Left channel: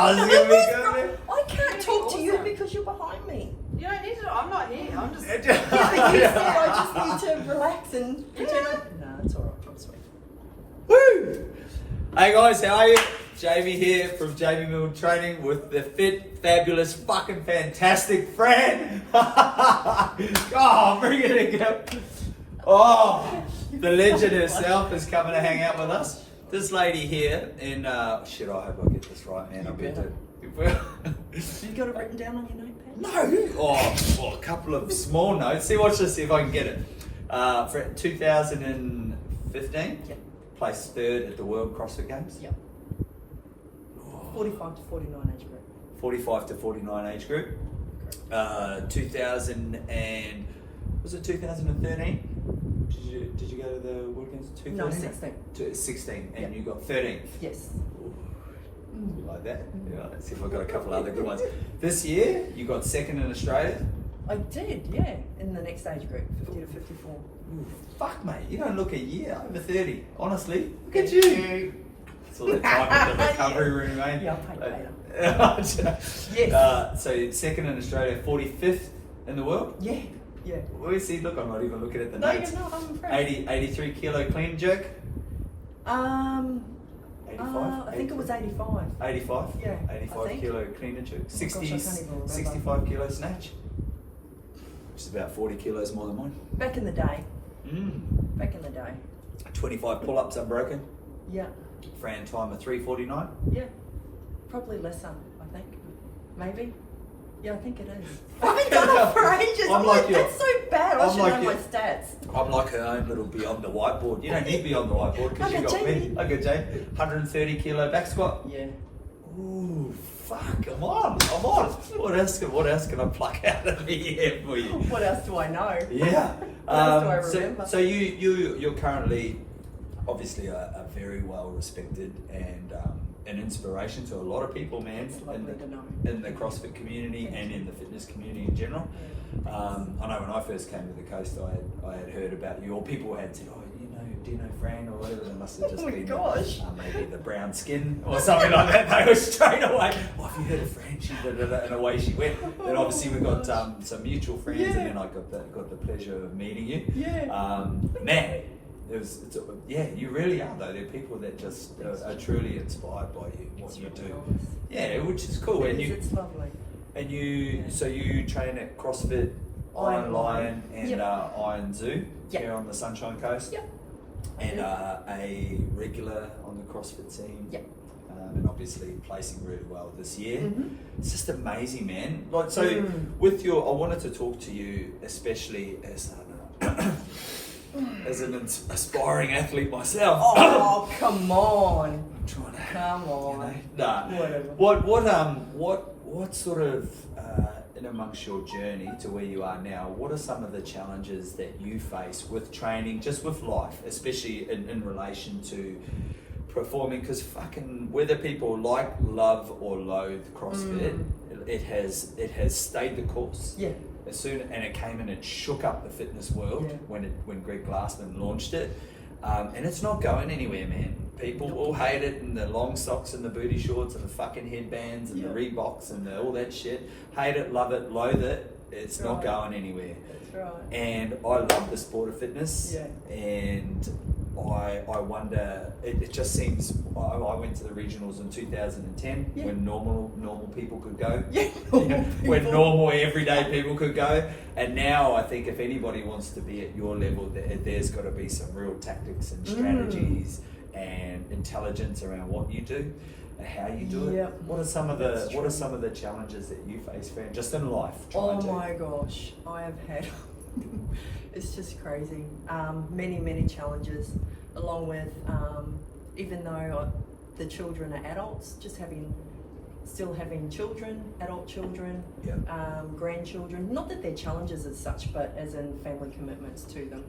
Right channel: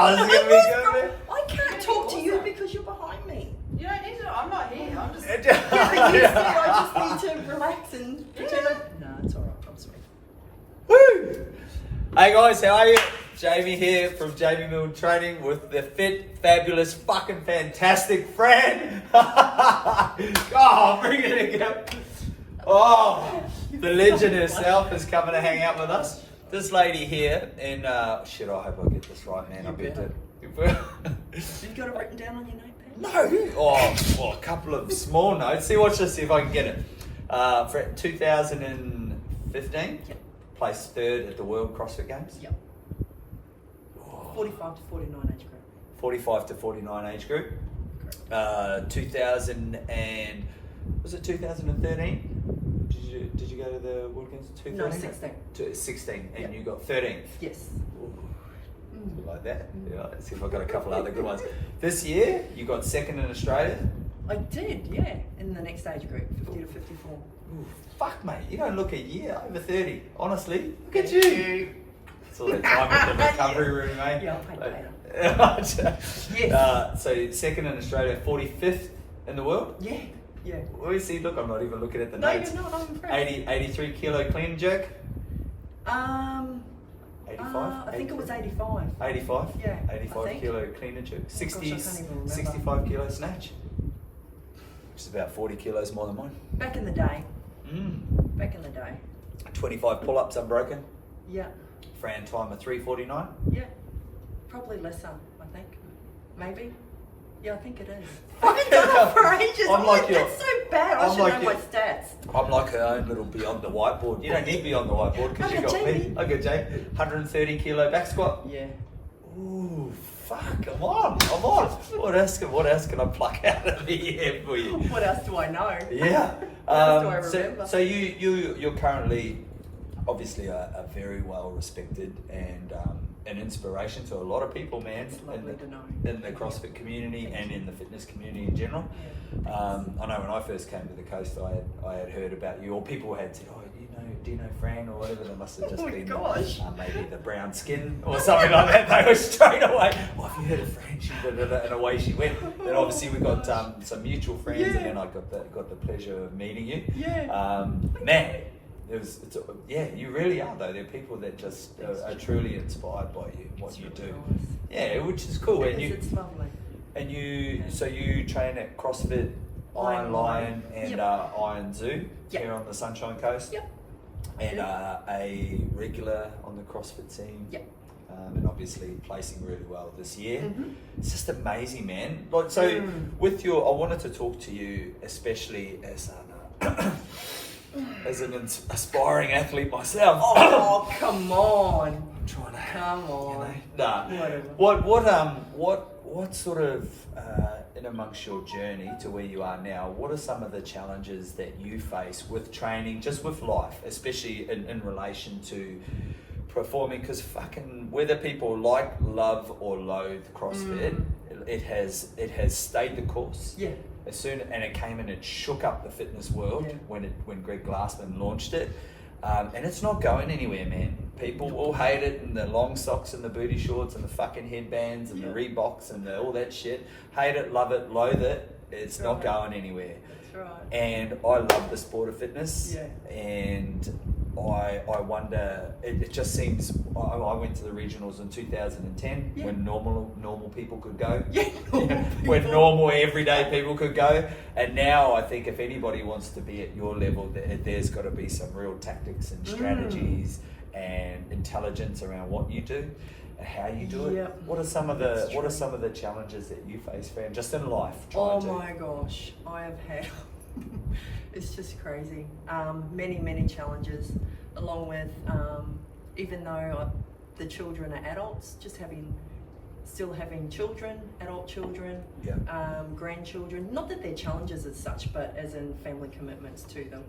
Oh, is it gonna be good? I can't talk to you because you're behind me. You don't need to. I'm not here. I'm just. Yeah, but you said I just need to relax and pretend No, it's alright. I'm sweet. Woo! Hey guys, how are you? Jamie here from Jamie Milne Training with the fit, fabulous, fucking fantastic Fran. Oh, bring it again. Oh, the legend herself is coming to hang out with us. This lady here, and shit, I hope I get this right, man. I bet it. You got it written down on your notepad? No. Oh, a couple of small notes. See, watch this, see if I can get it. For 2015, Yep. placed third at the World CrossFit Games. Yep. 45 to 49 age group. 45 to 49 age group. 2013? Did you go to the World Games? 2013? No, 16. 16, and Yep. you got 13th. Yes. Like that. Yeah, let's see if I've got a couple other good ones. This year, you got second in Australia. I did, yeah. In the next age group, 50 to 54. Ooh, fuck, mate, you don't look a year over 30. Honestly, look at Thank you. It's all the time at the recovery room, mate. Yeah, I'll pay later. So second in Australia, 45th in the world. Yeah, yeah. Well, you see, look, I'm not even looking at the No, notes. you're not. I'm impressed. 83 kilo clean and jerk. 85? I think it was 85. 85? Yeah, I 85 think. kilo clean and jerk. Oh gosh, I can't even remember. 65 kilo snatch. Which is about 40 kilos more than mine. Back in the day. Back in the day. 25 pull-ups unbroken. Yeah, Fran time of 3:49. yeah. Probably lesser, I think. Maybe. Yeah, I think it is. I Fuck haven't done it for ages. I'm like your- that's so bad. I I'm should like know your- my stats. I'm like her own little beyond the whiteboard. You don't need me on the whiteboard because you Okay, got me. Jamie. Okay, Jay. 130 kilo back squat. Yeah. Ooh, fuck! I'm on. What else can I pluck out of the air for you? What else do I know? Yeah. What else do I remember? So you're currently obviously a very well respected and an inspiration to a lot of people, man. It's lovely to know. In the CrossFit community and in the fitness community in general. Yeah. I know when I first came to the coast, I had heard about you, or people had said, "Oh, do you know Fran or whatever?" They must have just Oh my been gosh. maybe the brown skin or something like that. They were straight away. "Oh, have you heard of Fran?" She did it, and away she went. Then obviously we got some mutual friends, Yeah. and then I got the pleasure of meeting you. Yeah. Man. You really are though. There are people that just are truly inspired by you, what you do. Nice. Yeah, which is cool. It's lovely. And so you train at CrossFit Iron Lion and Yep. Iron Zoo Yep. here on the Sunshine Coast. Yep. And a regular on the CrossFit scene. Yep. And obviously placing really well this year. Mm-hmm. It's just amazing, man. Like so, with I wanted to talk to you, especially as as an aspiring athlete myself. Oh, come on. I'm trying to. Come on. You know, nah. Whatever. What sort of in amongst your journey to where you are now? What are some of the challenges that you face with training, just with life, especially in relation to performing? Because fucking whether people like, love, or loathe CrossFit, it has stayed the course. Yeah. And it came and it shook up the fitness world when Greg Glassman launched it, and it's not going anywhere, man. People will hate it, and the long socks and the booty shorts and the fucking headbands and the Reeboks and all that shit. Hate it, love it, loathe it. It's not going anywhere. That's right. And I love the sport of fitness. Yeah. And I wonder. It just seems. I went to the regionals in 2010 when normal people could go. Yeah. When normal everyday people could go. And now I think if anybody wants to be at your level, there's got to be some real tactics and strategies and intelligence around what you do and how you do it. Yep. What are some of the challenges that you face, Fran, just in life? Oh my gosh, I have had. It's just crazy. Many challenges, along with even though the children are adults, still having children, adult children, grandchildren. Not that they're challenges as such, but as in family commitments to them,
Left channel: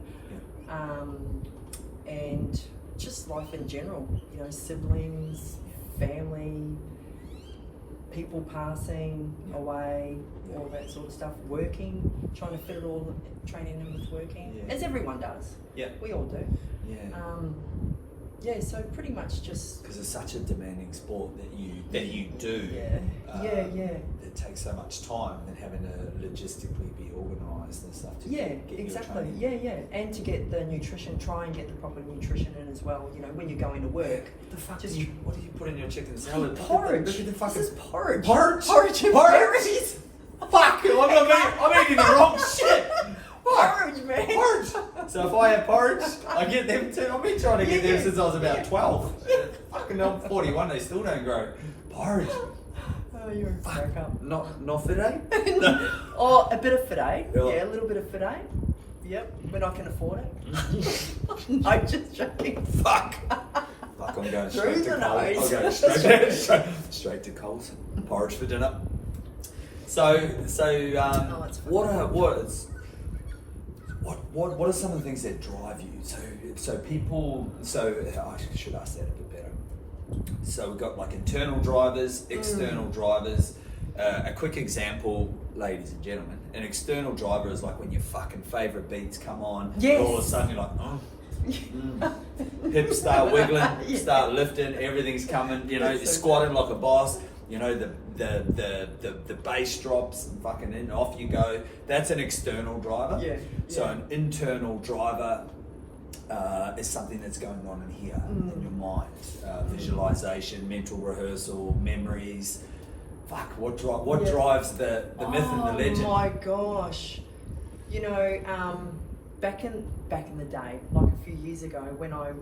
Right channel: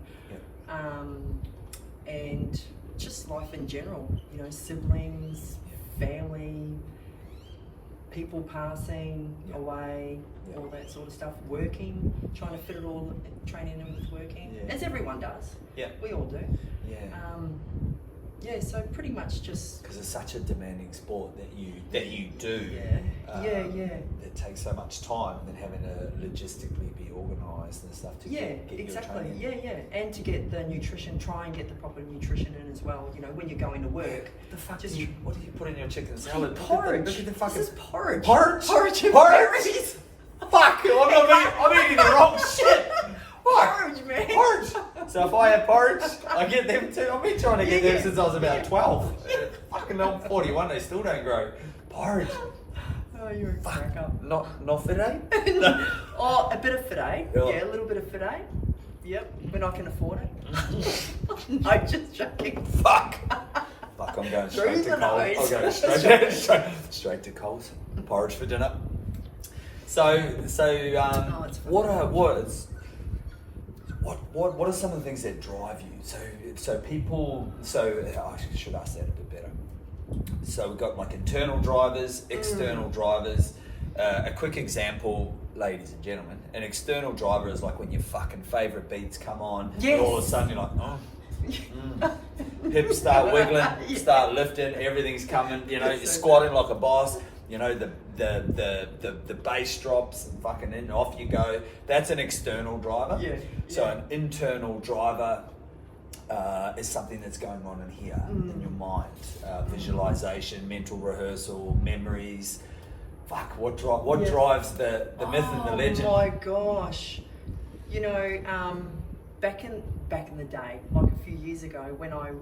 and just life in general. You know, siblings, family, people passing away, all that sort of stuff. Working, trying to fit it all, training in with working, as everyone does. Yeah. We all do. Yeah. So pretty much just. Because it's such a demanding sport that you do. Yeah. It takes so much time and having to logistically be organised and stuff to get exactly. your training. Yeah, and to get the nutrition, try and get the proper nutrition in as well. You know, when you're going to work. What the fuck? Just What do you put in your chicken salad? Porridge. Look at the fucking This is porridge. Porridge and Porridge? berries. Fuck! I'm eating the wrong shit. Porridge, man. Porridge. So if I have porridge, I get them too. I've been trying to get them since I was about 12. Fucking I'm 41. They still don't grow. Porridge. Oh, you're a crack up. Not filet? Oh, a bit of filet. Yeah. Yeah, a little bit of filet. Yep, when I can afford it. No, just joking. Fuck, I'm going straight to Coles. nose. I'll go straight to Coles. Porridge for dinner. So, what are some of the things that drive you? So people. I should ask that a bit better. So we've got like internal drivers, external drivers. A quick example, ladies and gentlemen, an external driver is like when your fucking favourite beats come on, and all of a sudden you're like, hips start wiggling, start lifting, everything's coming, you know, you're squatting like a boss, you know, the bass drops and fucking in, off you go. That's an external driver. So an internal driver is something that's going on in here, in your mind. Visualization, mental rehearsal, memories. Fuck, what drives the myth and the legend? Oh my gosh. You know, back in the day, like a few years ago, when I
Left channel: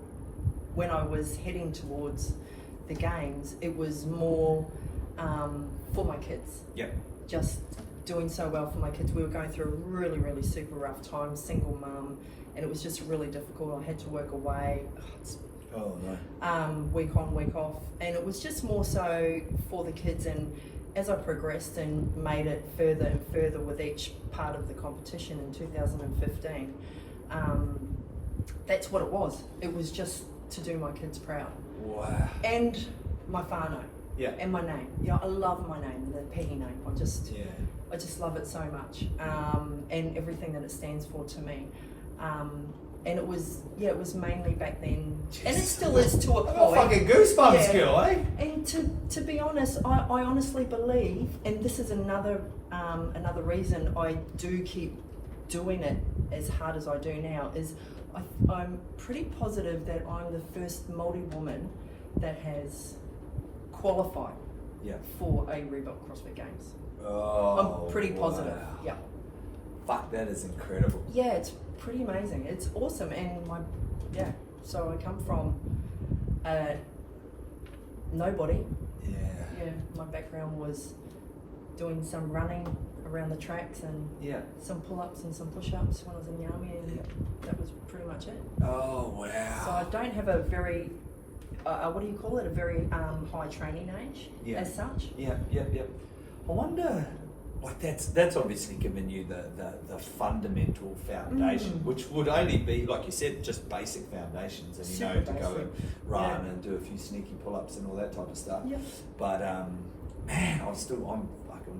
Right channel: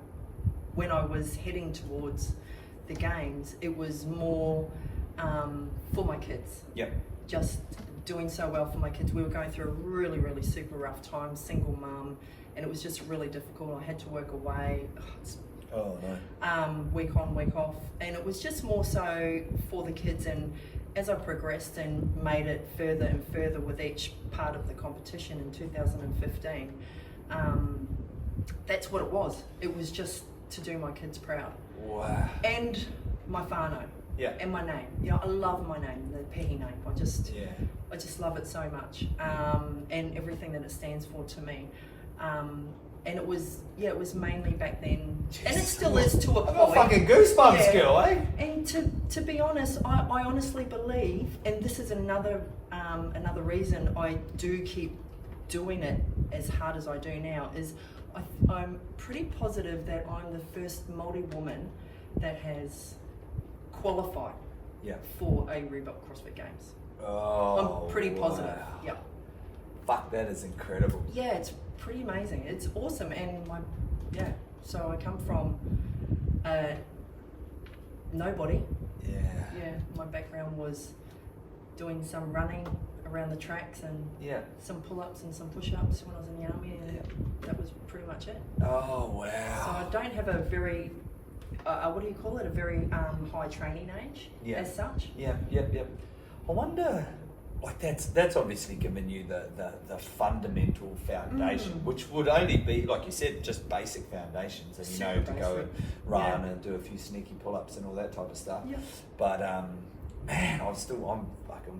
was heading towards the games, it was more for my kids. Yep. Just doing so well for my kids. We were going through a really, really super rough time, single mum, and it was just really difficult. I had to work away. Week on, week off, and it was just more so for the kids. And as I progressed and made it further and further with each part of the competition in 2015, that's what it was. It was just to do my kids proud. Wow. And my whānau. Yeah. And my name. Yeah, I love my name, the Pehi name. I just love it so much, and everything that it stands for to me. And it was mainly back then, and it still is to a point. I got fucking goosebumps, girl, eh? And to be honest, I honestly believe, and this is another reason I do keep doing it as hard as I do now, is I'm pretty positive that I'm the first Māori woman that has qualified for a Reebok CrossFit Games. Oh, I'm pretty positive. Wow. Yeah. Fuck, that is incredible. Yeah, it's pretty amazing. It's awesome, and so I come from nobody. Yeah, my background was doing some running around the tracks and some pull-ups and some push-ups when I was in the army, and that was pretty much it. Oh, wow. So I don't have a very what do you call it? A very high training age as such. Yep. I wonder, like that's obviously given you the fundamental foundation, which would only be, like you said, just basic foundations, and you know to go and run and do a few sneaky pull-ups and all that type of stuff. Yep. But man, I'm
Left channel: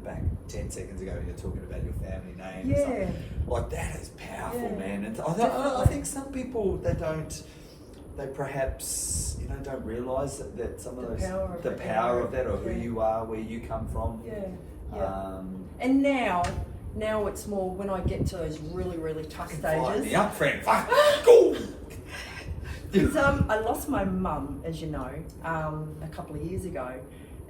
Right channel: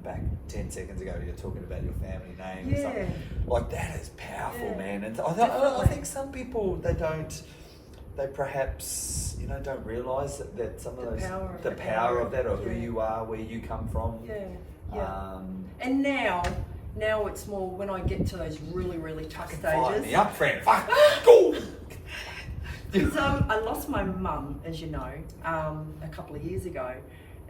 back 10 seconds ago. You're talking about your family name. Yeah. And stuff. Like that is powerful, man. And I think some people they perhaps don't realise that some of the power of that, or who you are, where you come from. And now it's more when I get to those really, really tough stages. Fire me up, friend. Fuck. Go. Because I lost my mum, as you know, a couple of years ago,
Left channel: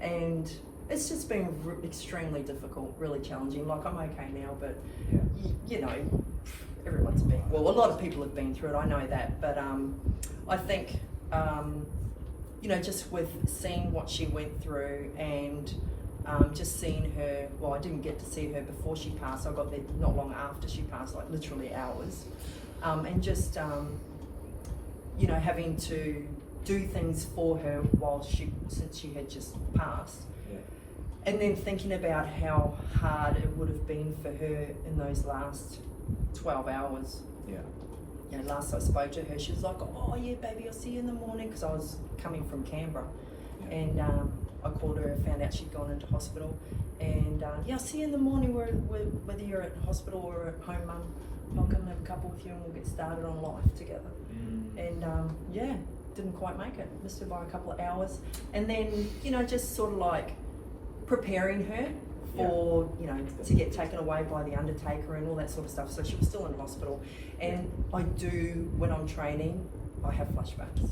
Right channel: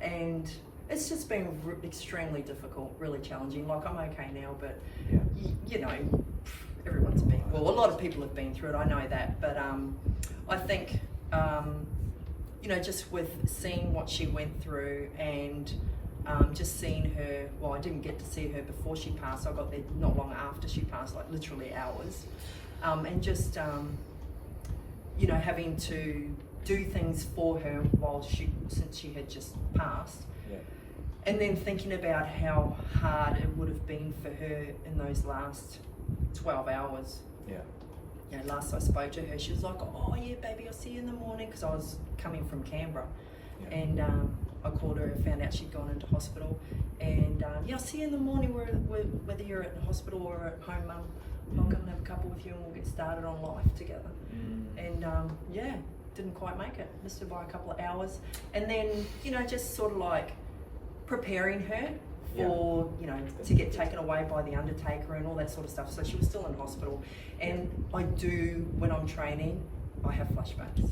and it's just been extremely difficult, really challenging. Like, I'm okay now, but you know, everyone's been, a lot of people have been through it, I know that, but I think, just with seeing what she went through, and just seeing her, I didn't get to see her before she passed, I got there not long after she passed, like literally hours, and just, having to do things for her since she had just passed. And then thinking about how hard it would have been for her in those last 12 hours. Last I spoke to her, she was like, "Oh yeah, baby, I'll see you in the morning," because I was coming from Canberra. And I called her and found out she'd gone into hospital. And I'll see you in the morning, whether you're at the hospital or at home, Mum. I'll come and have a couple with you and we'll get started on life together. And didn't quite make it, missed her by a couple of hours. And then, just sort of like preparing her for, to get taken away by the undertaker and all that sort of stuff. So she was still in hospital. And I do, when I'm training, I have flashbacks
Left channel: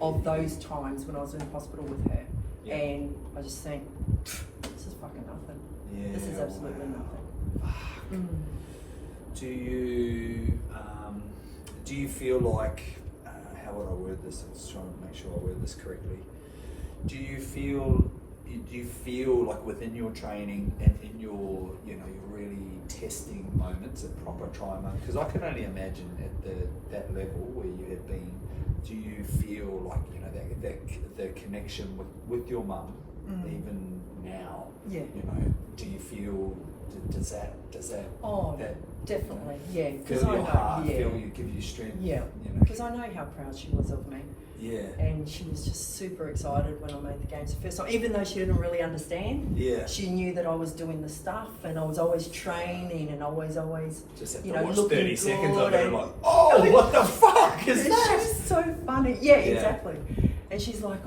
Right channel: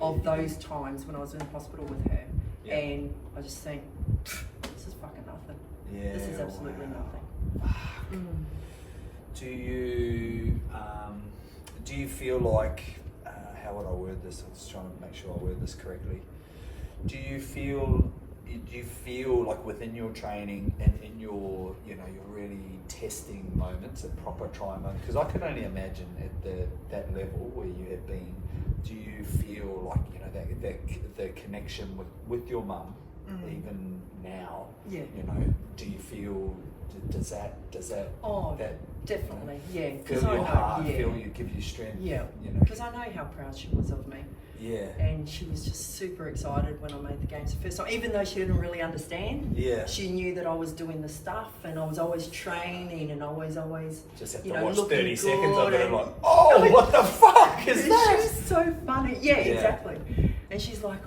of those times when I was in hospital with her. Yeah. And I just think, this is fucking nothing. Yeah, this is absolutely nothing. Do you feel like, how would I word this? I was trying to make sure I word this correctly. Do you feel like within your training and in your, your really testing moments, a proper try moment, because I can only imagine at that level where you have been, do you feel like, the connection with your mum, even now, do you feel, does that definitely, because fill I your know, heart, give you strength, because I know how proud she was of me. Yeah. And she was just super excited when I made the games the first time, even though she didn't really understand. Yeah. She knew that I was doing the stuff and I was always training and always, just have to watch looking 30 good. seconds of it, like, what the fuck is that? She was so funny. Yeah, exactly. And she's like,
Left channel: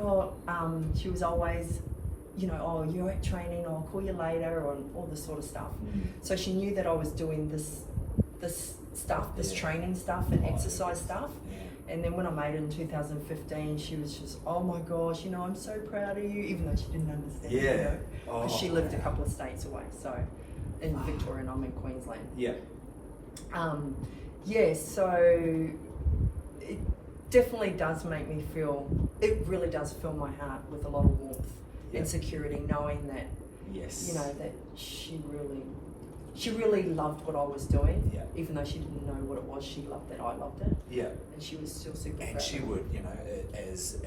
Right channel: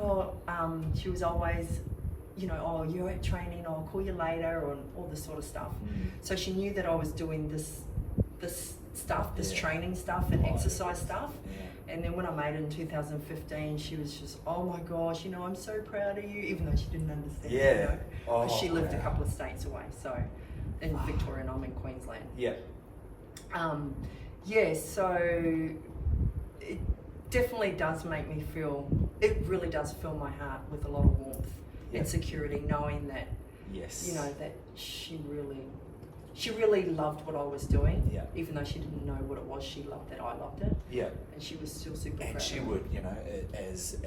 she was always, you're at training, I'll call you later, or all this sort of stuff. So she knew that I was doing this stuff, this training stuff and exercise stuff. And then when I made it in 2015, she was just, oh my gosh, I'm so proud of you, even though she didn't understand, because she lived a couple of states away, so in Victoria and I'm in Queensland. Yeah. So it definitely does make me feel, it really does fill my heart with a lot of warmth and security, knowing that, that she really loved what I was doing, even though she didn't know what it was. She loved that I loved it. Yeah. And she was still super proud. And she would, as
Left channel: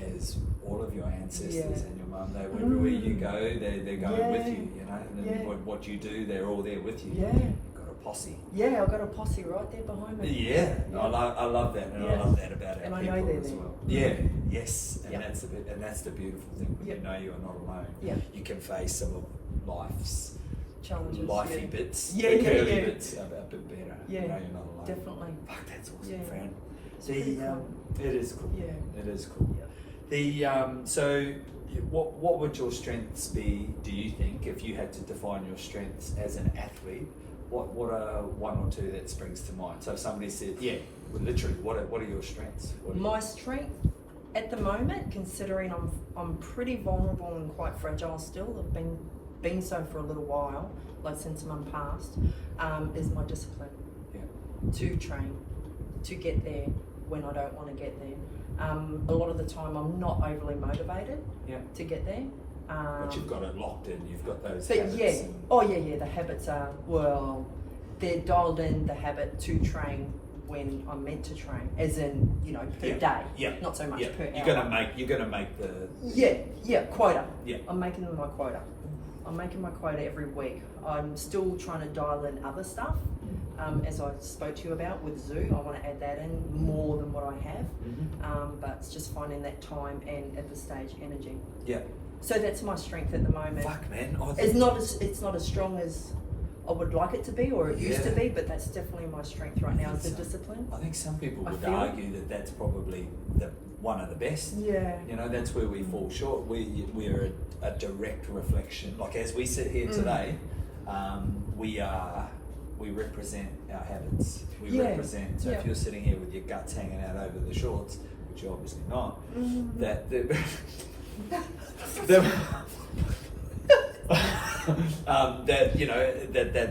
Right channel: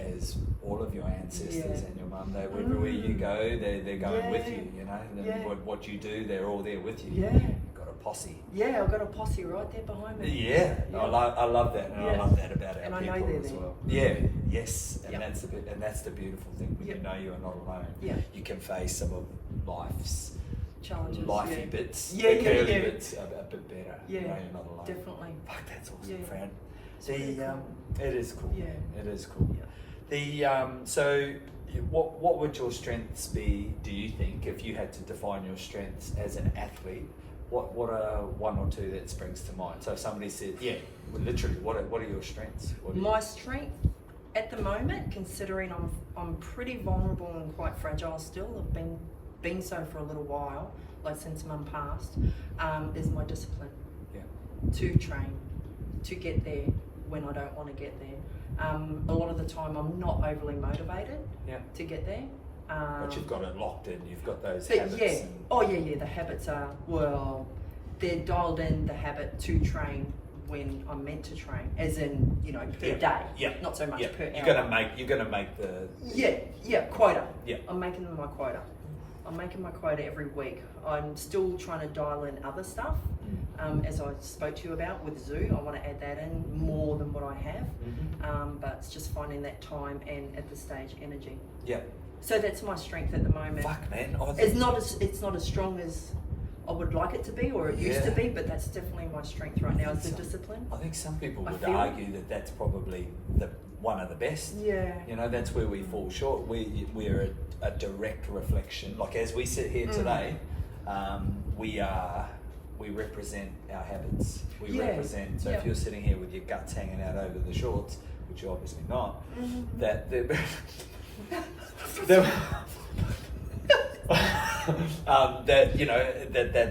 all of your ancestors and your mum, they would, wherever you go, they're going with you, and then what you do, they're all there with you. Yeah. You've got a posse. Yeah, I've got a posse right there behind me. Yeah. I love that, and I love that about our and people I know they're as there. well. Yeah. Yes. And that's the beautiful thing. When you know you're not alone. Yeah. You can face some of life's challenges, lifey bits, bits a bit better. Yeah, you're not alone. Definitely. Fuck, that's awesome, Fran. It is cool. Yeah, it is cool. Yeah. So, what would your strengths be? Do you think, if you had to define your strengths as an athlete, what are one or two that springs to mind? So, if somebody said, literally, what are your strengths? My strength at the moment, considering I'm pretty vulnerable and quite fragile still. I've been so for a little while, like since Mum passed, is my discipline to train, to get there when I don't want to get there. A lot of the time I'm not overly motivated to get there. But you've got it locked in, you've got those but habits. The habits are, they're dialed in, the habit to train when I'm meant to train, as in, per day. Yeah. Not so much per hour. You're gonna make the quota. Yeah. I'm making my quota. I'm making my quota every week. I'm still trying to dial in other stuff, as I spoke to you about with Zoo. I want to add that in more than what I have, but it's just finding that time and at the stage energy. Yeah. So that's my strength at the moment. Fuck, man. It's not as strong as I would like it to be, or it used to be, but that's definitely my strength right now, is the discipline. I think some people would argue that that's probably one of the best. Yeah. That's where we fall short. We're a direct reflection. Like, as we sit here today, we represent our habits. We represent. So if you're sitting here with your guts hanging out over the shorts, which you're obviously not, that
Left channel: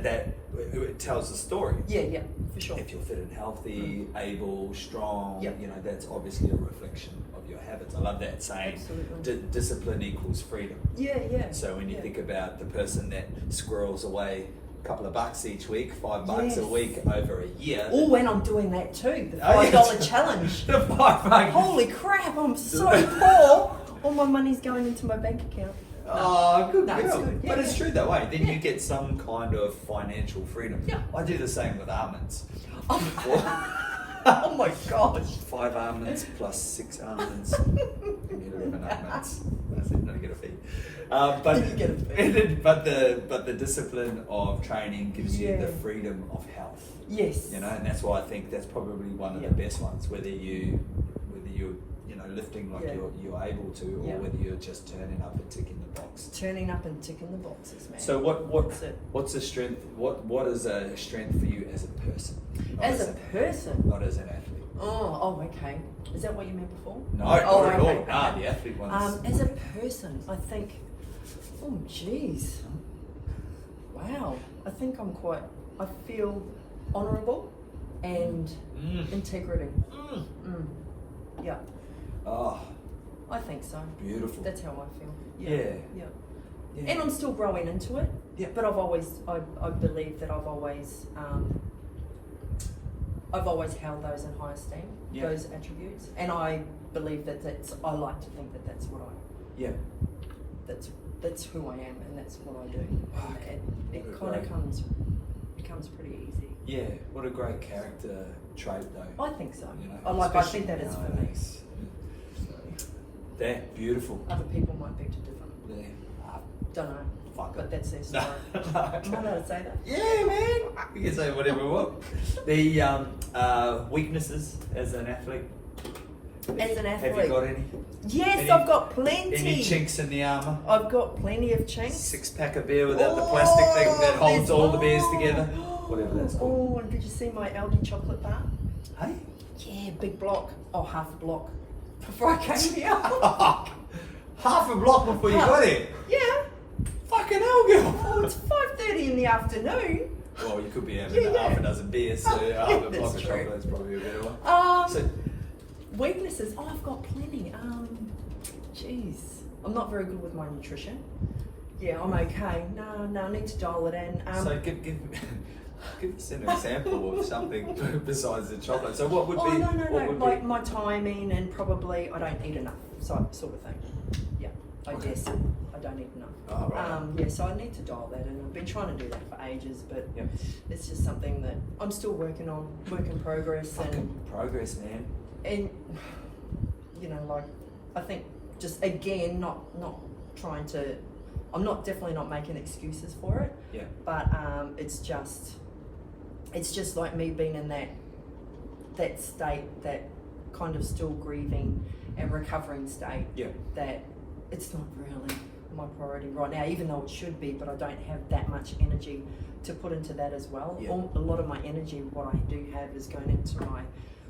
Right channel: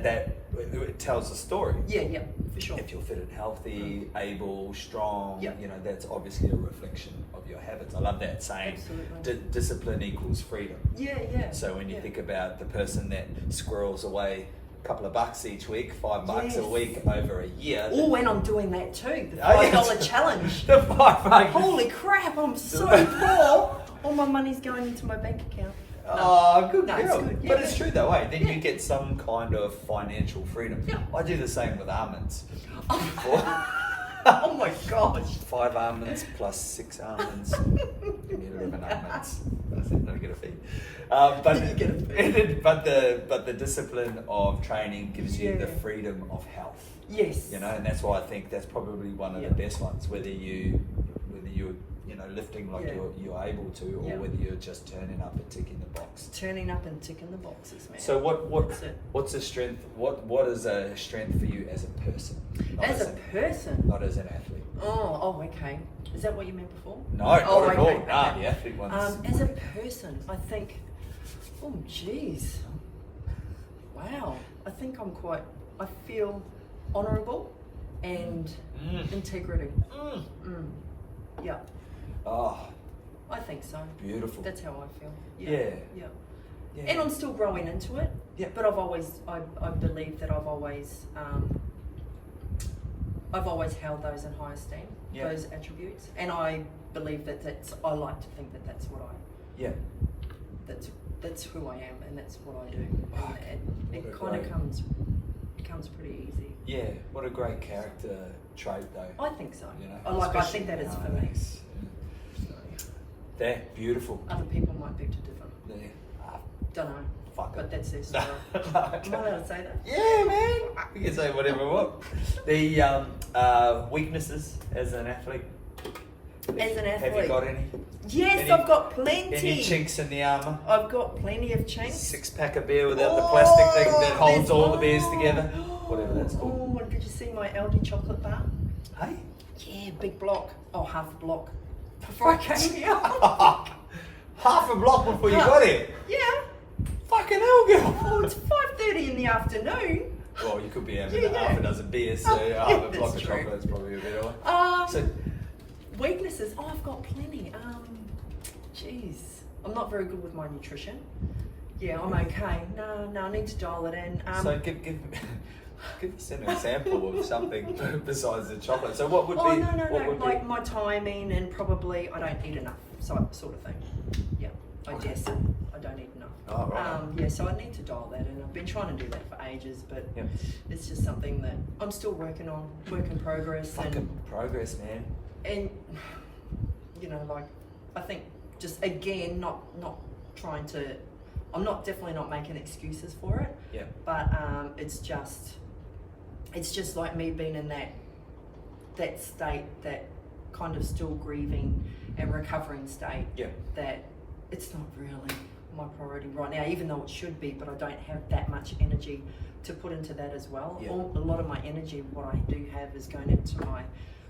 that it tells a story. Yeah, for sure. If you're fit and healthy, able, strong, that's obviously a reflection of your habits. I love that saying. Absolutely. Discipline equals freedom. Yeah. So when you think about the person that squirrels away a couple of bucks each week, $5 a week over a year. Or when I'm doing that too, the $5 challenge. The $5. Holy crap, I'm so poor. All my money's going into my bank account. Good girl. It's good. But it's true though, then you get some kind of financial freedom. Yeah. I do the same with almonds. Oh my gosh. 5 almonds plus 6 almonds. Give me 11 almonds. That's it, not get a fee. But the discipline of training gives you the freedom of health. Yes. And that's why I think that's probably one of the best ones. Whether you lifting like Yeah. you're able to, or Yeah. whether you're just turning up and ticking the box. Turning up and ticking the boxes, man. So That's it. what's a strength? What is a strength for you as a person? Not As a person. not as an athlete. Oh, okay. Is that what you meant before? No, Oh, not at all. okay, Nah, okay. the athlete ones. As a person, I think, oh jeez, wow. I feel honourable and integrity. Yeah, Oh, I think so. beautiful. That's how I feel. Yeah. Yeah. Yeah. And I'm still growing into it. Yeah. But I believe that I've always held those in high esteem, Yeah. those attributes, and I believe I like to think that that's what Yeah. that's who I am, and that's what I do, Fuck, and what it a kind of great- comes pretty easy. Yeah. What a great character trait, though. I think so. You know, I think that is for me. nowadays. Yeah, beautiful. Other people might beg to differ. Yeah. Ah, Don't know, fuck but it. that's their No. story. Am I allowed to say that? Yeah, man. We can say whatever we want. The weaknesses as an athlete. As an Have you athlete, got any? yes, Any- I've got plenty. Any chinks in the armour? I've got plenty of chinks. 6-pack of beer without the plastic thing that holds there's all the beers one. together. Whatever that's called. Oh, and did you see my Aldi chocolate bar? Hey? Yeah, big block. Oh, half a block. Before I came here. Half a block before you got here. Yeah. Fucking hell, girl. Oh, it's 5:30 in the afternoon. Well, you could be having Yeah. half a dozen beers, so Yeah, half a that's block of true. chocolate's probably a better one. So, Weaknesses. Oh, I've got plenty. Jeez. I'm not very good with my nutrition. Yeah, I'm okay. No, I need to dial it in. so give us an example of something besides the chocolate. So what would be? no. What would Like be? my timing, and probably I don't eat enough, sort of thing. Yeah, I Okay. guess I don't eat enough. Oh, right. Yeah, so I need to dial that in. I've been trying to do that for ages, but Yep. it's just something that I'm still working on, work in progress, Fucking progress, man. and like I think just again not trying to. I'm definitely not making excuses for it. Yeah. But it's just like me being in that state, that kind of still grieving and recovering state. Yeah. That it's not really my priority right now, even though it should be. But I don't have that much energy to put into that as well. Yeah. A lot of my energy, what I do have, is going into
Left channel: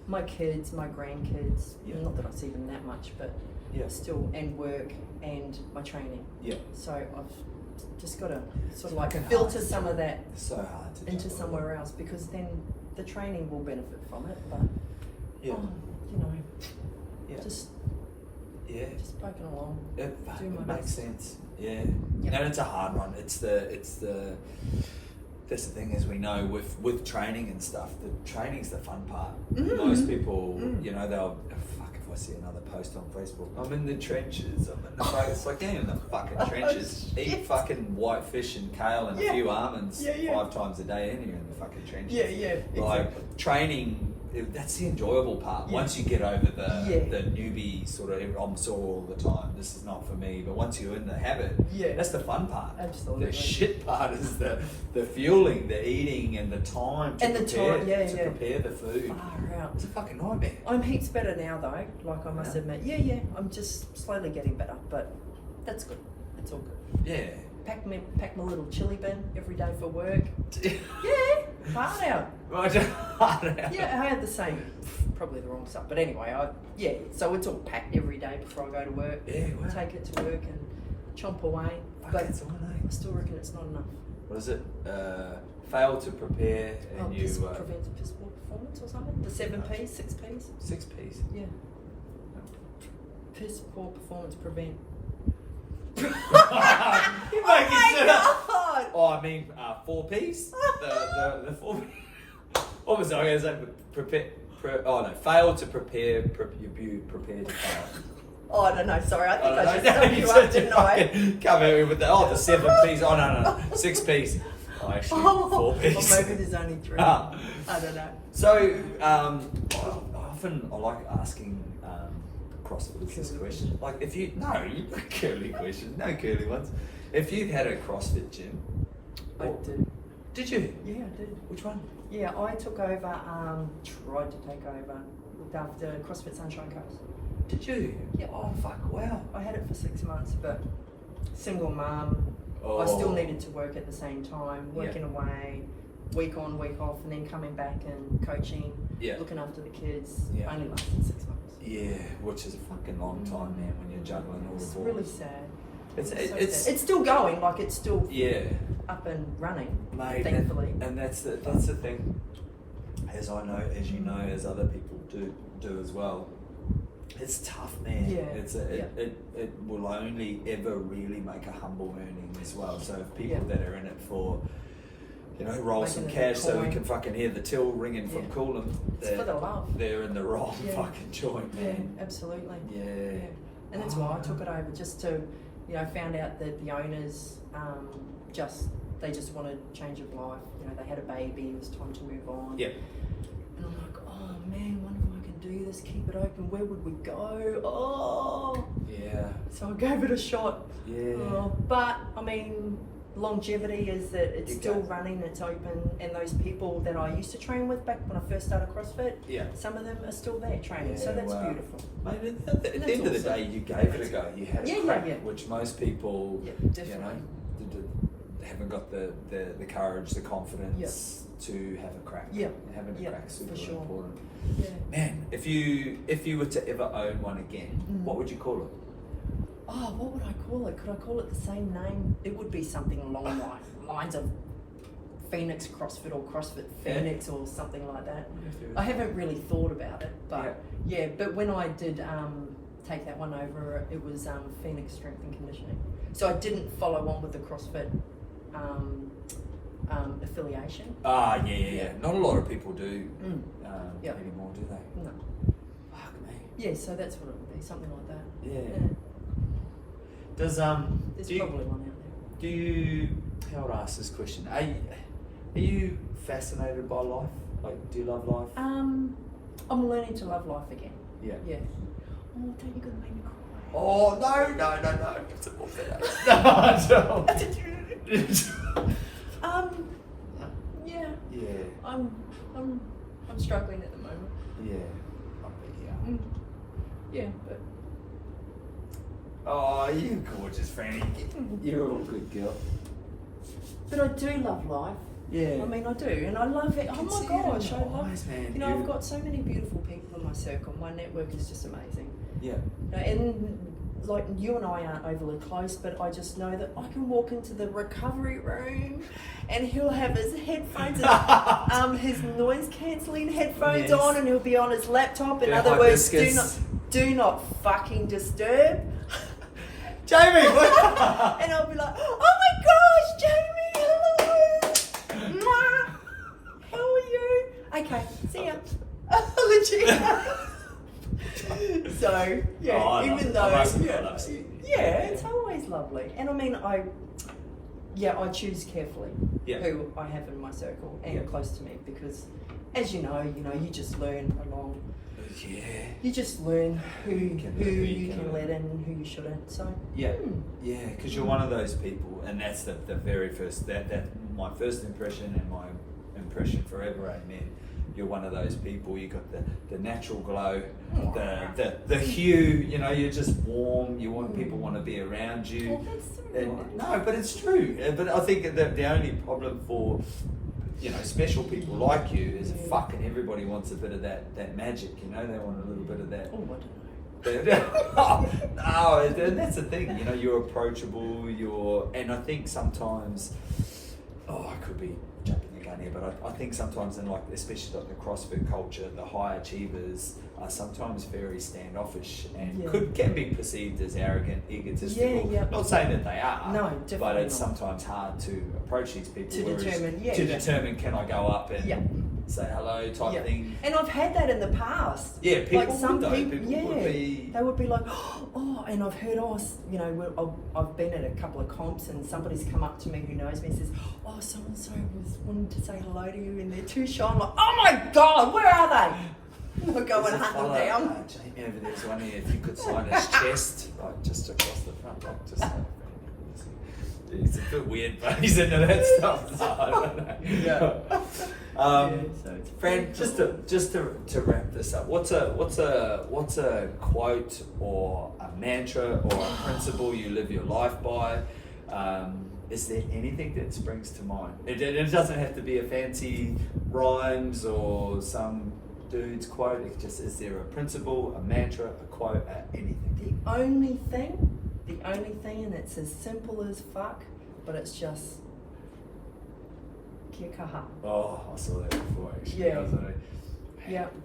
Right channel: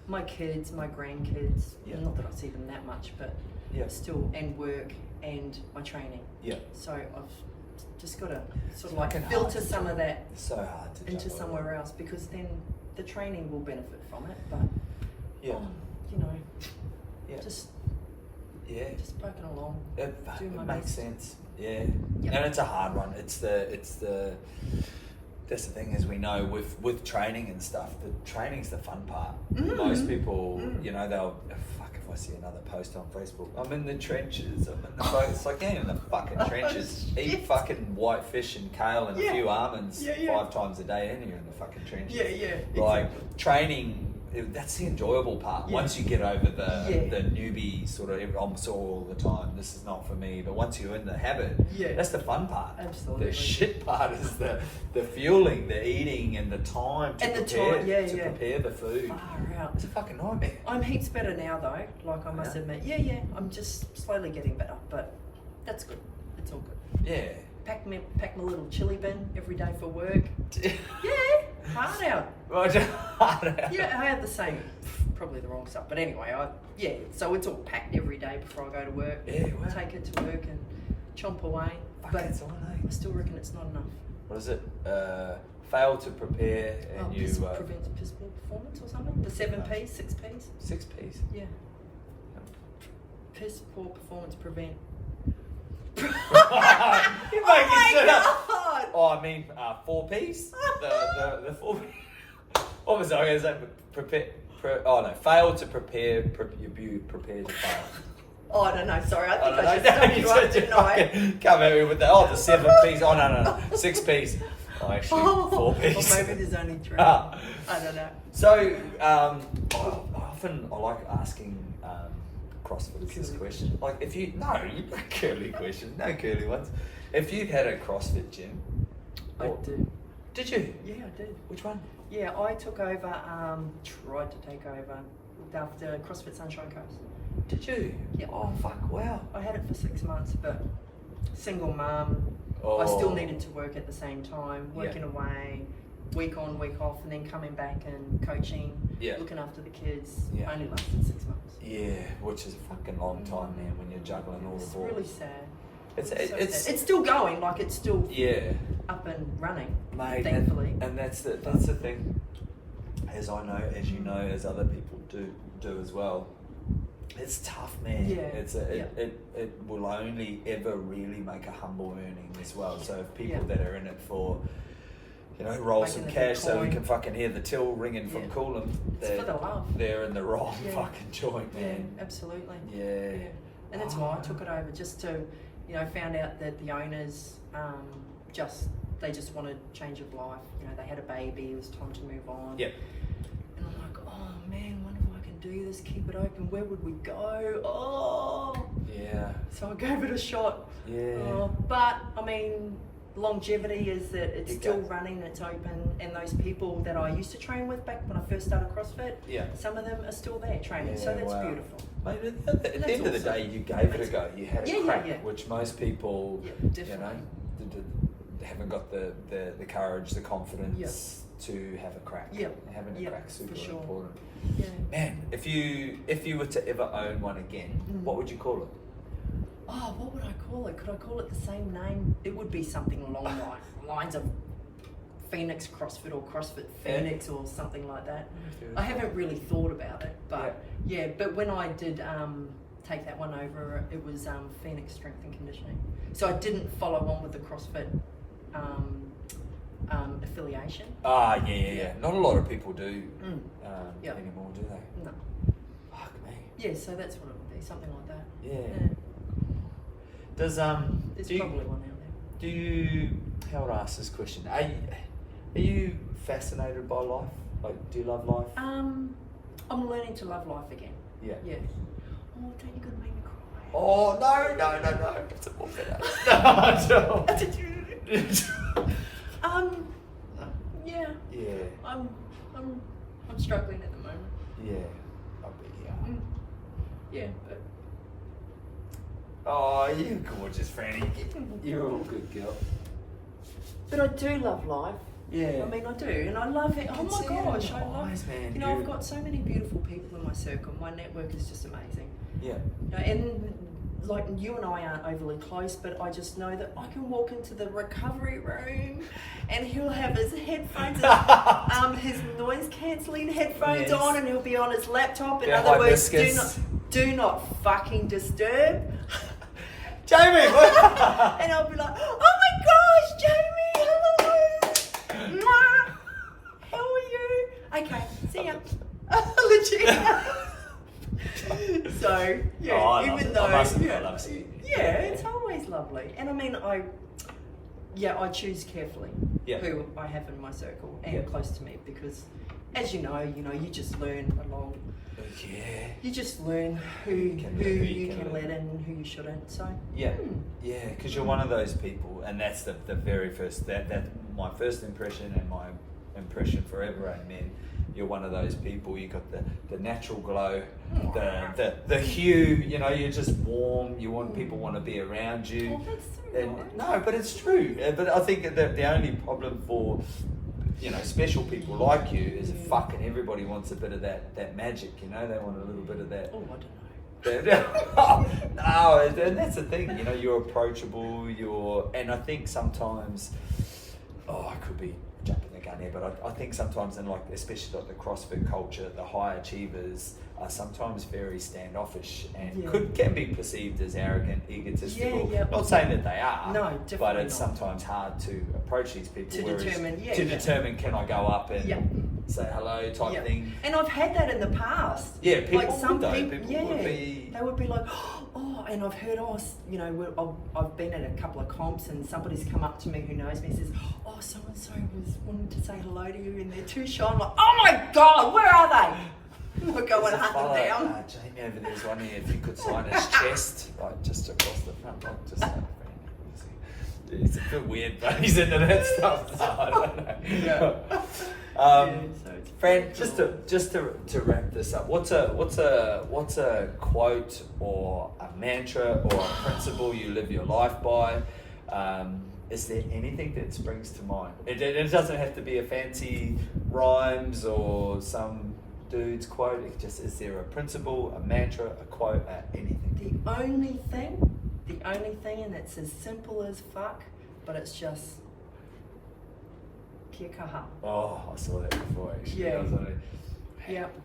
my kids, my grandkids. Yeah. Not that I see them that much, but Yeah. still, and work and my training. Yeah. So I've just got to sort of fucking like filter hard. some of that It's so hard to into juggle somewhere else, because then the training will benefit from it. But Yeah. Yeah. just Yeah. poking along. It Do my makes best. sense. Yeah. Yep. And it's a hard one. It's the that's the thing, as we know with training and stuff, the training's the fun part. Most people, they'll fuck if I see another post on Facebook. I'm in the trenches. It's like, yeah, in the fucking trenches. Eat fucking white fish and kale and a Yeah. few almonds Yeah, yeah. 5 times a day, and you're in the fucking trenches. Yeah, Like exactly. training, that's the enjoyable part. Yeah. Once you get over the Yeah. newbie sort of, I'm sore all the time, this is not for me. But once you're in the habit, Yeah. that's the fun part. Absolutely. The shit part is the fueling, the eating, and the time to And the prepare time, yeah, to yeah. prepare the food. Far out. It's a fucking nightmare. I'm heaps better now though. Like I must Yeah. admit. Yeah. I'm just slowly getting better, but that's good. It's all good. Yeah. Pack my little chili bin every day for work. Yeah, hard out. Yeah, I had the same, probably the wrong stuff, but anyway, so it's all packed every day before I go to work. Yeah, wow. Take it to work and chomp away. Fuck, But that's all, eh? I still reckon it's not enough. What is it? Fail to prepare and you Prevents piss poor performance or something? The 7 P's, 6 P's? 6 P's. Yeah. Piss poor performance prevent. You're Oh making my shit up. God! Oh, I mean 4 P's. The 4 P's. What was I going to say? Fail to prepare. You prepare to fail. Oh, I don't know, sorry, I think I No, just stopped you up, didn't I? Come here with the 7 P's. Oh no, 6 P's. Oh, actually 4 P's. Or maybe there's only 3. Ah. I don't know. So, I like asking CrossFitters this Curly question. Like, if you curly questions, no curly ones. If you've had a CrossFit gym, I did. Did you? Yeah, I did. Which one? Yeah, I took over, tried to take over, looked after CrossFit Sunshine Coast. Did you? Yeah. Oh, fuck, wow. I had it for 6 months, but single mum, Oh. I still needed to work at the same time, working Yeah. away, week on, week off, and then coming back and coaching, Yeah. looking after the kids. Yeah. Only lasted 6 months. Yeah, which is a fucking long time, man, when you're juggling all the It's balls. really sad. It's So it's sad. It's still going, like it's still yeah, up and running, mate. thankfully. And that's the thing. As I know, as you know, as other people do as well. It's tough, man. Yeah. It will only ever really make a humble earning as well. So if people Yeah. that are in it for, roll Making some a bit cash of so we coin. can fucking hear the till ringing from Yeah. Coolum, It's for the love. they're in the wrong Yeah. fucking joint, Yeah, man. absolutely. Yeah. Yeah. And that's why I took it over, just to, found out that the owners they just wanted change of life. They had a baby, it was time to move on. Yeah. And I'm like, oh man, wonder if I can do this, keep it open, where would we go? Oh. Yeah. So I gave it a shot. Yeah. But, I mean, longevity is that it's Big still time. running, it's open, and those people that I used to train with back when I first started CrossFit, Yeah. some of them are still there training, so Yeah, that's wow. beautiful. Mate, at the end of the day, you gave it a go. You had a Yeah, crack, yeah. which most people, Yeah, definitely. haven't got the courage, the confidence to have a crack. Yeah. Having a Yeah, crack's super for sure. important. Yeah. Man, if you were to ever own one again, what would you call it? Oh, what would I call it? Could I call it the same name? It would be something along the lines of Phoenix CrossFit or CrossFit Phoenix or something like that. I haven't really thought about it, but yeah, but when I did take that one over, it was Phoenix Strength and Conditioning. So I didn't follow on with the CrossFit affiliation. Yeah. Not a lot of people do Yeah. anymore, do they? No. Fuck me. Yeah, so that's what it would be, something like that. Yeah. Does There's do you- probably one out there. Do you? How would I ask this question? Are you fascinated by life? Like, do you love life? I'm learning to love life again. Yeah. Yeah. Oh, don't you gonna make me cry? Oh no! It's a more No. Yeah. Yeah. I'm struggling at the moment. Yeah. I bet Yeah, but Oh, you're gorgeous, Franny. You're a good girl. I do love life. Yeah. I mean, I do, and I love it. Oh my gosh, I love Eyes, man. I've got so many beautiful people in my circle. My network is just amazing. Yeah. And like you and I aren't overly close, but I just know that I can walk into the recovery room and he'll have his headphones, his noise cancelling headphones Yes. on, and he'll be on his laptop. In Yeah, other words, hibiscus. do not fucking disturb. Jamie! And I'll be like, oh my gosh, Jamie, hello. Mwah. How are you? Okay, see ya. Legit. So, yeah, Oh, I love even it. though, I love seeing you. yeah, it's always lovely. And I mean, I choose carefully who I have in my circle and close to me, because as you know, you just learn along. Yeah. You just learn who you can let in and who you shouldn't. So Yeah, because you're one of those people, and that's the very first, that my first impression and my impression forever, amen. You're one of those people, you got the natural glow, the hue, you're just warm, people want to be around you. Oh, that's so And, nice. no, but it's true. But I think that the only problem for special people like you is fucking everybody wants a bit of that magic, they want a little bit of that. Oh, I don't know. No, and that's the thing, you're approachable, and I think sometimes, I could be jumping the gun here, but I think sometimes in especially the CrossFit culture, the high achievers are sometimes very standoffish and can be perceived as arrogant, egotistical. Not saying that they are, No, definitely but it's not. sometimes hard to approach these people To determine, determine can I go up and say hello type thing. And I've had that in the past. Yeah, people like some would though. people, People would be... they would be like, oh, and I've heard, I've been at a couple of comps and somebody's come up to me who knows me and says, oh, so-and-so was wanting to say hello to you and they're too shy. I'm like, oh my God, where are they? I'll go and hunt them down. Jamie over there's one here, if you could sign his chest, right, just across the front, like, just like that. It's a bit weird, but he's into that stuff. No, I don't know. So it's Fran, pretty just to wrap this up, what's a quote or a mantra or a principle you live your life by? Is there anything that springs to mind? It doesn't have to be a fancy rhymes or some dude's quote. It just, is there a principle, a mantra, a quote, anything? The only thing, and it's as simple as fuck, but it's just kia kaha. Oh, I saw that before actually. Yeah. I was like, Yep.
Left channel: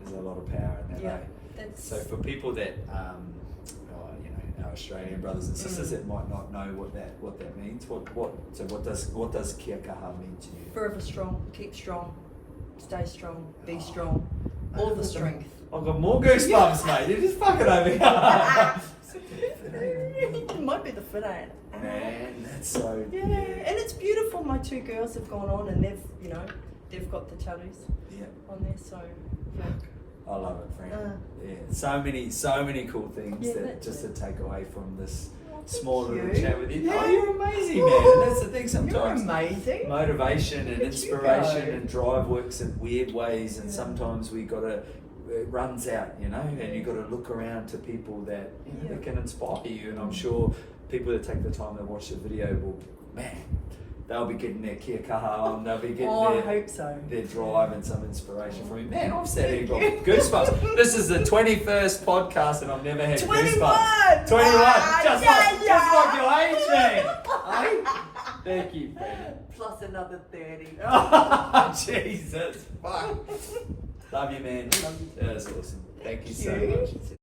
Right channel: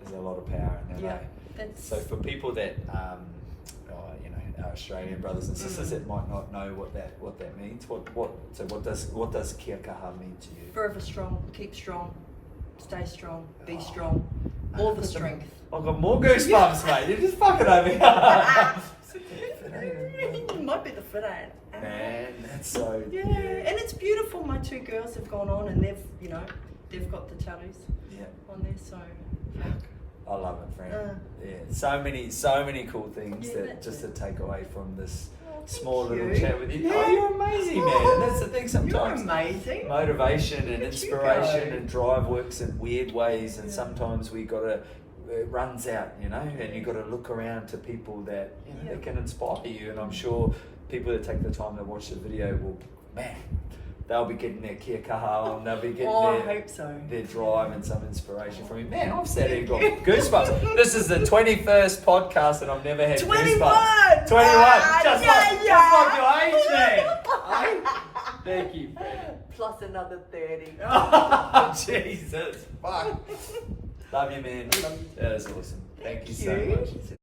there's a lot of power in that. Yeah. Eh? That's So for people that, our Australian brothers and sisters that might not know what that means, what does kia kaha mean to you? forever strong, keep strong, stay strong, be strong, all the strength. I've got more goosebumps, mate. You're just fucking over here. It might be the fit ain't. Man, that's so. Yeah, and it's beautiful. My two girls have gone on and they've got the tattoos on there, so yeah. I love it, Fran. Yeah, so many cool things that just to take away from this small little chat with you. Yeah. Oh, you're amazing, man. And that's the thing. Sometimes You're amazing. motivation and Look at you inspiration go. and drive works in weird ways, and sometimes it runs out, and you got to look around to people that that can inspire you. And I'm sure people that take the time to watch the video will, man, they'll be getting their kia kaha on, they'll be getting I hope so. their drive and some inspiration from you. Man, I've sat here and got goosebumps. This is the 21st podcast and I've never had 21! goosebumps. 21! Just like your age, man. Hey? Thank you, man. Plus another 30. Oh, Jesus. Fuck. Love you, man. Love you too. That is awesome. Thank you so you. much.